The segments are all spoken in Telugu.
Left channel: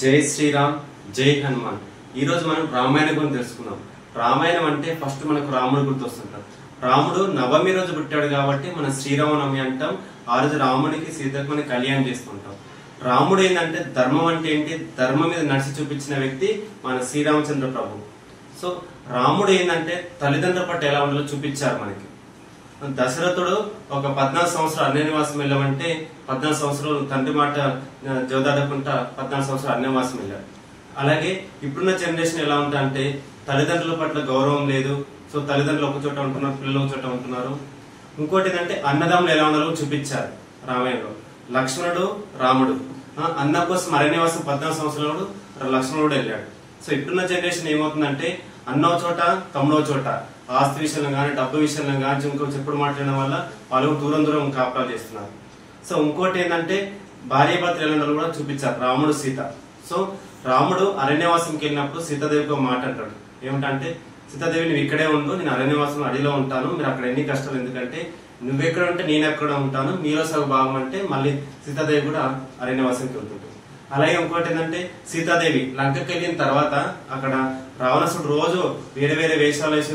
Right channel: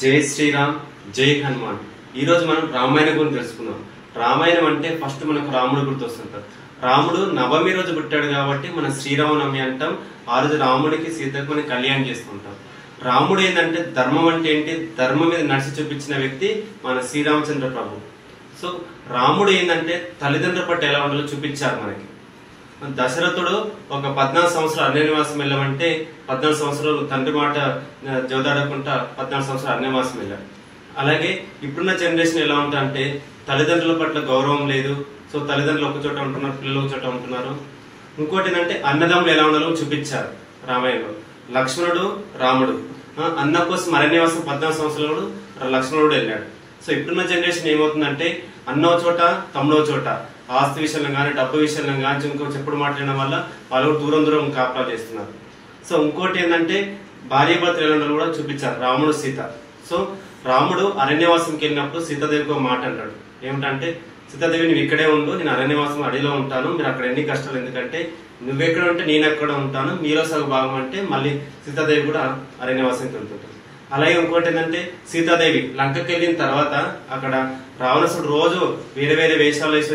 జై శ్రీరామ్ జై హనుమాన్। ఈ రోజు మనం రామాయణం గురించి తెలుసుకున్నాం। రామాయణం అంటే ఫస్ట్ మనకు రాముడు గుర్తొస్తుంటారు। రాముడు నవమి రోజు పుట్టాడు కాబట్టి మనం శ్రీరామనవమి అంటాం। ఆ రోజు రాముడికి సీతకు మనం కళ్యాణం చేస్తుంటాం। రాముడు ఏంటంటే ధర్మం అంటే ఏంటి, ధర్మం మీద నడిచి చూపించిన వ్యక్తి మన శ్రీరామచంద్ర ప్రభు। సో రాముడు ఏంటంటే తల్లిదండ్రుల పట్ల ఎలా ఉండాలో చూపించారు మనకి। దశరథుడు ఒక 14 సంవత్సరాలు అరణ్యవాసం వెళ్ళమంటే 14 సంవత్సరాలు తండ్రి మాట జోదాడకుండా 14 సంవత్సరాలు అరణ్యవాసం వెళ్ళాడు। అలాగే ఇప్పుడున్న జనరేషన్ ఎలా ఉంటారంటే తల్లిదండ్రుల పట్ల గౌరవం లేదు। సో తల్లిదండ్రులు ఒక చోట ఉంటున్నారు, పిల్లలు ఒక చోట ఉంటున్నారు। ఇంకోటి ఏంటంటే అన్నదమ్ములు ఎలా ఉండాలో చూపించారు రామాయణంలో। లక్ష్మణుడు రాముడు అన్న కోసం అరణ్యవాసం 14 సంవత్సరాలు లక్ష్మణుడు వెళ్ళాడు। సో ఇప్పుడున్న జనరేషన్ ఏమవుతుందంటే అన్నో చోట తమ్ముడో చోట, ఆస్తి విషయంలో కానీ డబ్బు విషయంలో కానీ ఇంకో చెప్పుడు మాట్లాడడం వల్ల వాళ్ళు దూరం దూరం కాపలా చేస్తున్నారు। సో ఇంకోటి ఏంటంటే భార్యాభర్తలు ఎలా ఉండాలో కూడా చూపించారు రాముడు సీత। సో రాముడు అరణ్యవాసంకి వెళ్ళినప్పుడు సీతాదేవికి ఒక మాట అంటాడు, ఏమిటంటే సీతాదేవి నువ్వు ఇక్కడే ఉండు, నేను అరణ్యవాసం అడవిలో ఉంటాను, మీరు అక్కడ ఎన్ని కష్టాలు, ఎందుకంటే నువ్వెక్కడ ఉంటే నేను ఎక్కడ ఉంటాను, మీలో సగ భాగం అంటే మళ్ళీ సీతాదేవి కూడా అరణ్యవాసంకి వెళ్తుంటాడు। అలాగే ఇంకోటి ఏంటంటే సీతాదేవి లంకకి వెళ్ళిన తర్వాత అక్కడ రావణాసుడు రోజు వేరే వేరే వేషాలు వేసి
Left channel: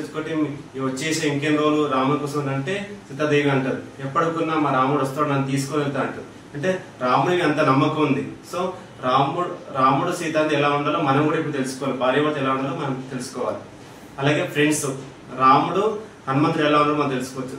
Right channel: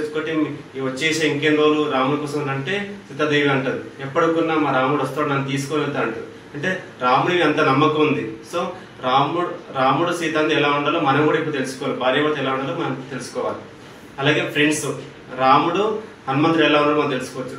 వచ్చేసి ఇంకేం రోజులు రాముడి కోసం అంటే సీతాదేవి అంటది, ఎప్పటికున్నా మా రాముడు వస్తాడు నన్ను తీసుకొని వెళ్తా అంటారు। అంటే రాముడికి అంత నమ్మకం ఉంది। సో రాముడు సీత ఎలా ఉండాలో మనం కూడా ఇప్పుడు తెలుసుకోవాలి, భార్యాభర్త ఎలా ఉండాలో మనం తెలుసుకోవాలి। అలాగే ఫ్రెండ్స్ రాముడు హనుమంతుడు ఎలా ఉండాలో మనం తెలుసుకోవచ్చు।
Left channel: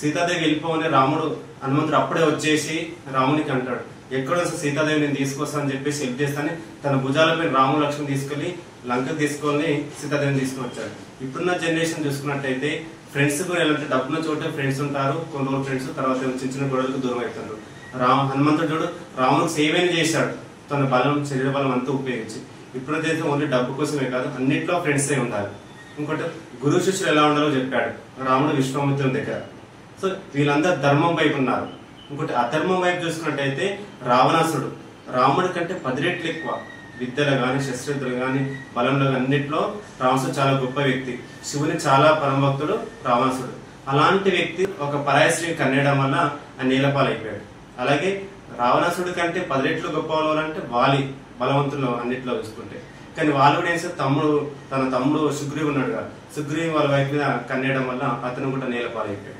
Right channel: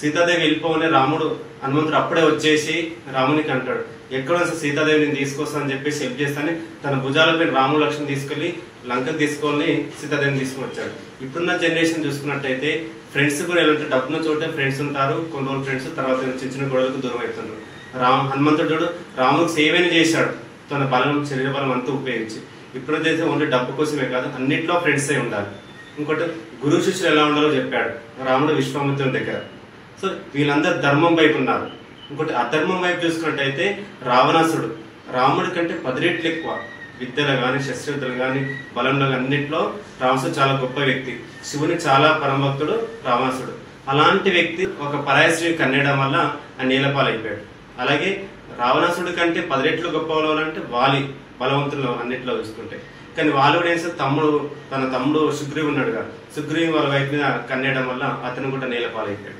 సీతాదేవి వెళ్ళిపోవని రాముడు హనుమంతుడు అప్పుడే వచ్చేసి రామునికి అంటాడు, ఎక్కడ సీతాదేవి నేను తీసుకొస్తానని చెప్పేసి హెల్ప్ చేస్తానని తన భుజాలపై రాముడు లక్ష్మణ్ తీసుకెళ్లి లంకకు తీసుకొని సీతాదేవిని తీసుకుని వచ్చాడు। ఇప్పుడున్న జనరేషన్ చూసుకున్నట్టయితే ఫ్రెండ్స్ కూడా ఎలా డబ్బున్న చోట ఫ్రెండ్స్ ఉంటారు, కొన్ని రోజులు ఫ్రెండ్స్ తర్వాత చిన్న చిన్న గొడవలకు దూరం అవుతారు। హనుమంతుడు రాముడికి సేవైనా చేశాడు తన బలం శరీర బలం అంతా ఉపయోగించి। ఇప్పుడైతే ఓన్లీ డబ్బు కోసమే కాదు అన్నింటిలో ఫ్రెండ్స్ అయి ఉండాలి। ఇంకోటి గురు శిష్యులు ఎలా ఉండాలో చెప్పాడు రాముడు విశ్వామిత్రుని దగ్గర। సో వీళ్ళందరూ ధర్మం వైపు ఉన్నారు। ఇంకోటి అధర్మం వైపు చూసుకున్నట్టయితే రావణాసుడు రాముడి కంటే 10 రెట్లు ఎక్కువ విద్యలో కానీ శస్త్రవిద్యలు కానీ బలంలో అన్నింటిలో రావణాసుడు చాలా గొప్ప వ్యక్తి, శివుని చాలా పరమభక్తుడు రావణాసుడు। అలాంటి వ్యక్తి ఒక పరాయశ్రీ కన్నేయడం వల్ల ఆ నీలపాలైపోయాడు। అలాగే రావణాసుడి కంటే 10 రెట్లు గొప్ప అంటే వాలి బలవంతులు అన్నింటిలో చూసుకుంటే, కానీ వాళ్ళు కూడా ఏం తన తమ్ముడు సుగ్రీవు ఉన్నాడుగా, సుగ్రీవు వాళ్ళ వైపు మీద కన్నేయడం వల్ల అతను కూడా నీలపాలైపోయాడు।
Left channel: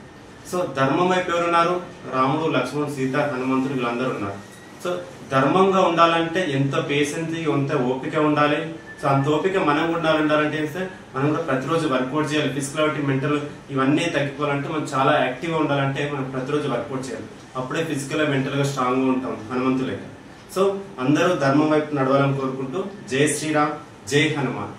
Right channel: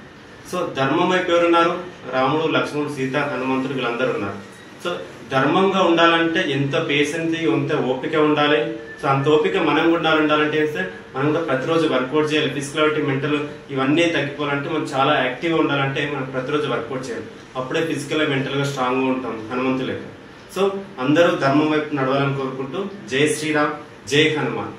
సో ధర్మం వైపు ఎవరున్నారు, రాముడు లక్ష్మణుడు సీత హనుమంతుడు వీళ్ళందరూ ఉన్నారు। సో ధర్మంగా ఉండాలంటే ఎంత పేషెన్స్ ఎంత ఓపిక ఉండాలి। సో అంత ఓపిక మనం కూడా ఉండాలంటే మనం కూడా ప్రతిరోజు వర్కౌట్ చేయాలి। ఫిజికల్ మెంటల్ ఇవన్నీ తగ్గిపోవాలంటే మనం చాలా యాక్టివ్గా ఉండాలంటే మనం ప్రతిరోజు వర్కౌట్ చేయాలి, అప్పుడే ఫిజికల్ గా మెంటల్ గా స్ట్రాంగ్ గా ఉంటాం హనుమంతులే। సో అందరూ ధర్మం వైపు నడవాలని కోరుకుంటూ జై శ్రీరామ్ జై హనుమాన్।